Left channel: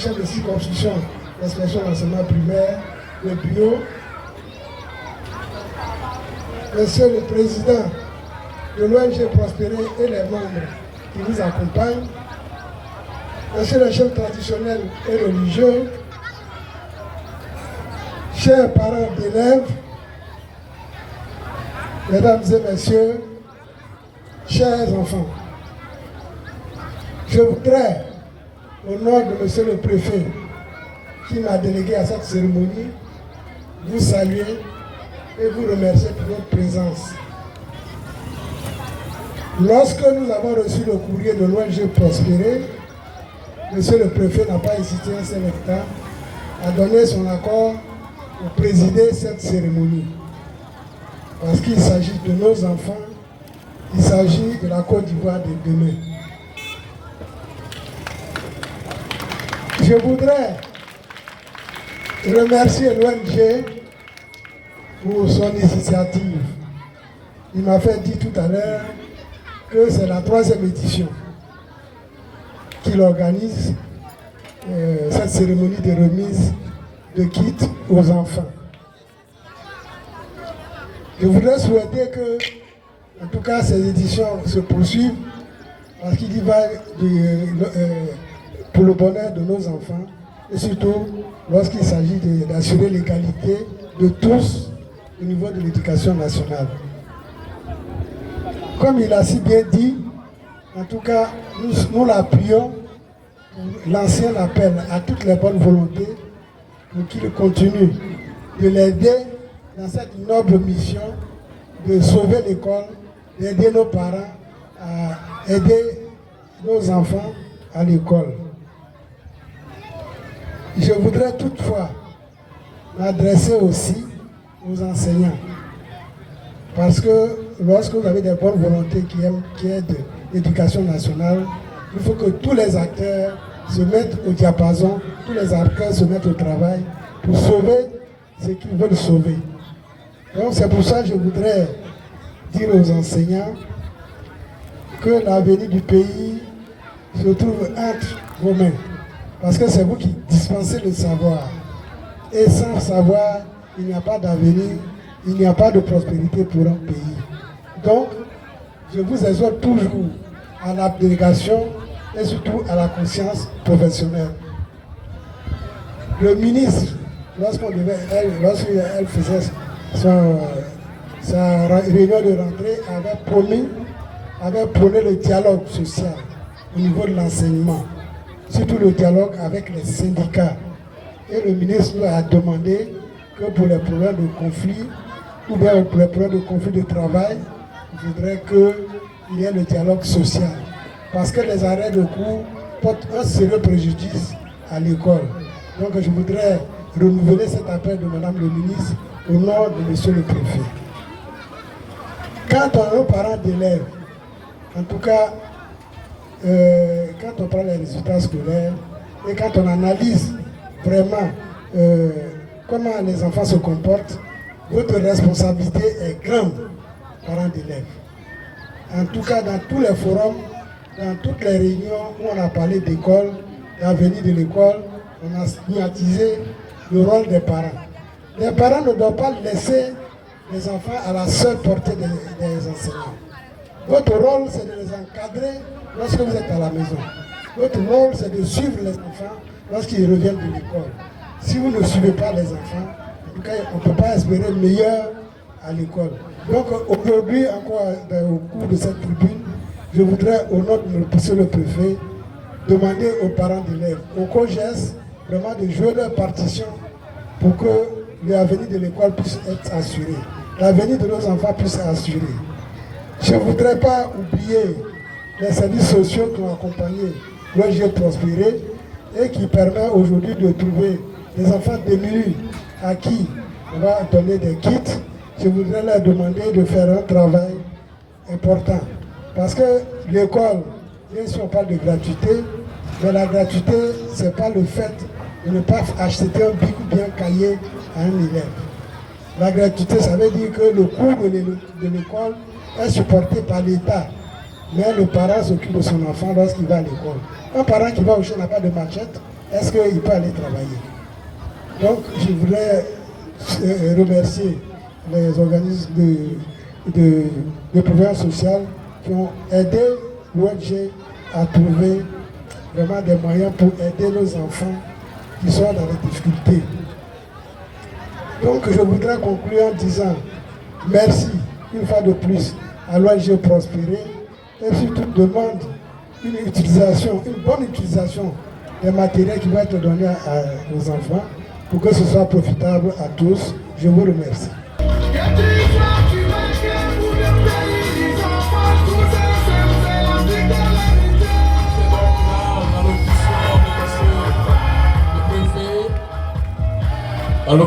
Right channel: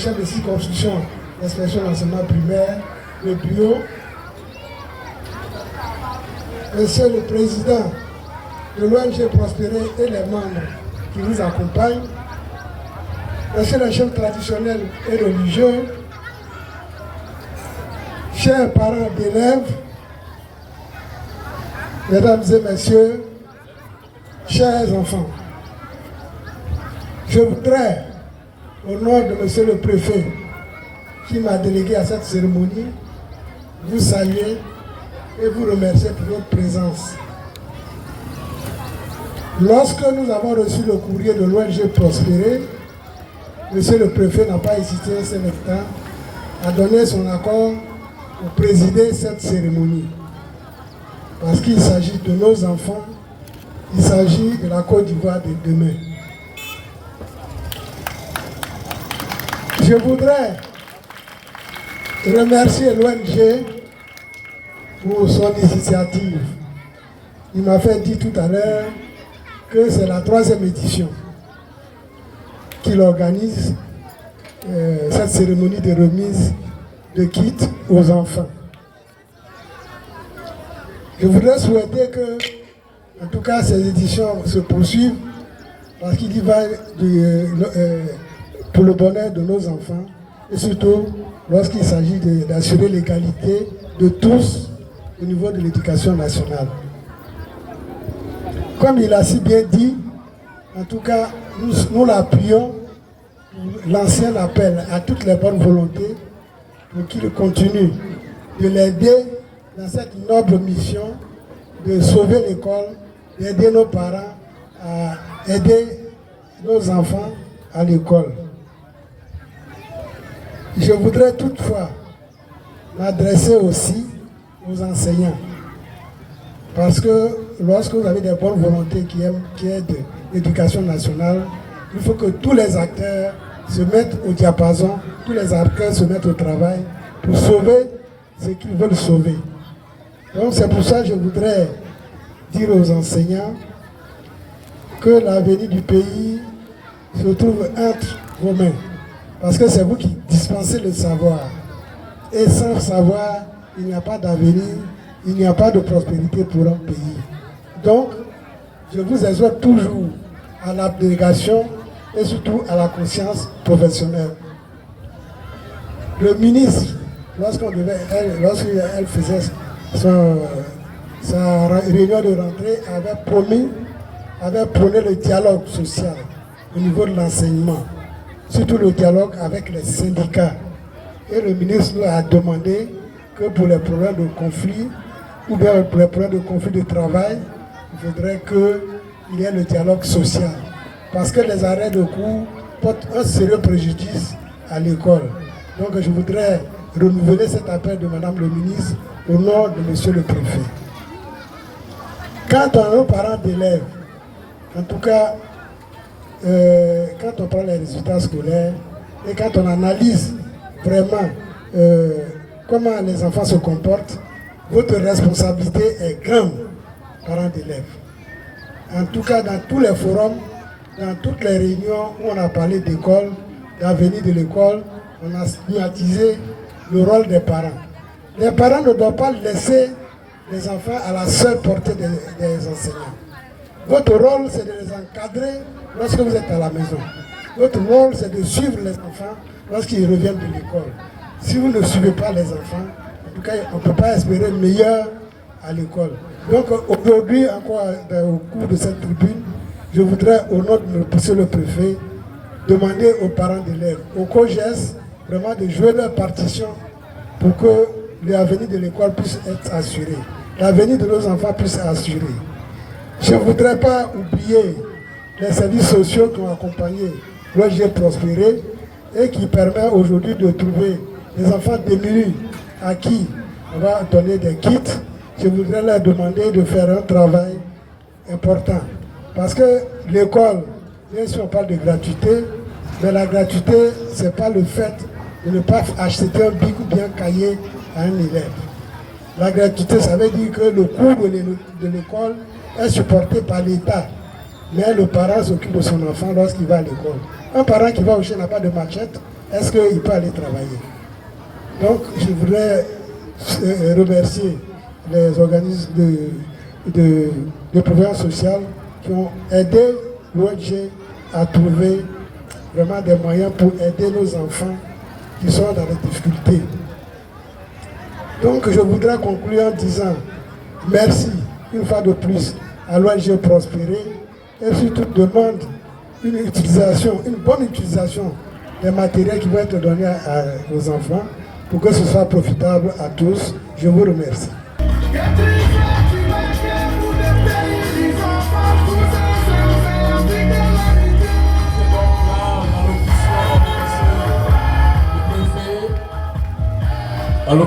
chef de circonscription d'inspection d'enseignement primaire, le bureau, Monsieur le Président de l'ONG Prospérer et les membres qui vous accompagnent, Monsieur le chef traditionnel et religieux, chers parents d'élèves, Mesdames et Messieurs, chers enfants, je voudrais, au nom de Monsieur le Préfet, qui m'a délégué à cette cérémonie, vous saluer et vous remercier pour votre présence. Lorsque nous avons reçu le courrier de l'ONG Prospérer, Monsieur le Préfet n'a pas hésité un seul instant à donner son accord pour présider cette cérémonie. Parce qu'il s'agit de nos enfants, il s'agit de la Côte d'Ivoire de demain. Je voudrais remercier l'ONG pour son initiative. Il m'a fait dire tout à l'heure que c'est la 3e édition qu'il organise cette cérémonie de remise de kits aux enfants. Je voudrais souhaiter que, en tout cas, ces éditions se poursuivent parce qu'il y va pour le bonheur de nos enfants et surtout lorsqu'il s'agit d'assurer l'égalité de tous au niveau de l'éducation nationale. Comme il a si bien dit, en tout cas, nous l'appuyons, l'ancien appel à toutes les bonnes volontés pour qu'il continue de l'aider dans cette noble mission de sauver l'école, d'aider nos parents à aider nos enfants à l'école. Je voudrais toutefois m'adresser aussi aux enseignants. Parce que lorsque vous avez des bonnes volontés qui aident l'éducation nationale, il faut que tous les acteurs se mettent au diapason, tous les acteurs se mettent au travail pour sauver ce qu'ils veulent sauver. Donc c'est pour ça que je voudrais dire aux enseignants que l'avenir du pays se trouve entre vos mains. Parce que c'est vous qui dispensez le savoir. Et sans savoir, il n'y a pas d'avenir, il n'y a pas de prospérité pour un pays. Donc, je vous exhorte toujours à l'abnégation et surtout à la conscience professionnelle. Le ministre, lorsqu'elle faisait sa réunion de rentrée, avait prôné le dialogue social au niveau de l'enseignement, surtout le dialogue avec les syndicats. Et le ministre a demandé que pour les problèmes de conflit, ou bien pour les problèmes de conflit de travail, il faudrait qu'il y ait le dialogue social. Parce que les arrêts de cours portent un sérieux préjudice à l'école. Donc je voudrais renouveler cet appel de Madame le ministre au nom de Monsieur le Préfet. Quant à nos parents d'élèves, en tout cas, quand on prend les résultats scolaires et quand on analyse vraiment comment les enfants se comportent, votre responsabilité est grande, parents d'élèves. En tout cas, dans tous les forums, dans toutes les réunions où on a parlé d'école, d'avenir de l'école, on a stigmatisé le rôle des parents. Les parents ne doivent pas laisser les enfants à la seule portée des enseignants. Votre rôle, c'est de les encadrer lorsque vous êtes à la maison. Votre rôle, c'est de suivre les enfants lorsqu'ils reviennent de l'école. Si vous ne suivez pas les enfants, en tout cas, on ne peut pas espérer le meilleur à l'école. Donc aujourd'hui, encore au cours de cette tribune, je voudrais, au nom de Monsieur le Préfet, demander aux parents d'élèves, aux COGES, vraiment de jouer leur partition pour que l'avenir de l'école puisse être assuré, l'avenir de nos enfants puisse être assuré. Je ne voudrais pas oublier les services sociaux qui ont accompagné l'ONG Prospérer et qui permet aujourd'hui de trouver des enfants démunis à qui on va donner des kits. Je voudrais leur demander de faire un travail important. Parce que l'école, bien sûr on parle de gratuité, mais la gratuité, ce n'est pas le fait de ne pas acheter un bic ou bien un cahier à un élève. La gratuité, ça veut dire que le coût de l'école est supporté par l'État. Mais le parent s'occupe de son enfant lorsqu'il va à l'école. Un parent qui va au chien n'a pas de machette est-ce qu'il peut aller travailler? Donc, je voudrais remercier les organismes de prévoyance sociale qui ont aidé l'ONG à trouver vraiment des moyens pour aider nos enfants qui sont dans les difficultés. Donc, je voudrais conclure en disant merci une fois de plus à l'ONG Prospérer et surtout demande une bonne utilisation des matériels qui vont être donnés aux enfants pour que ce soit profitable à tous. Je vous remercie. Alors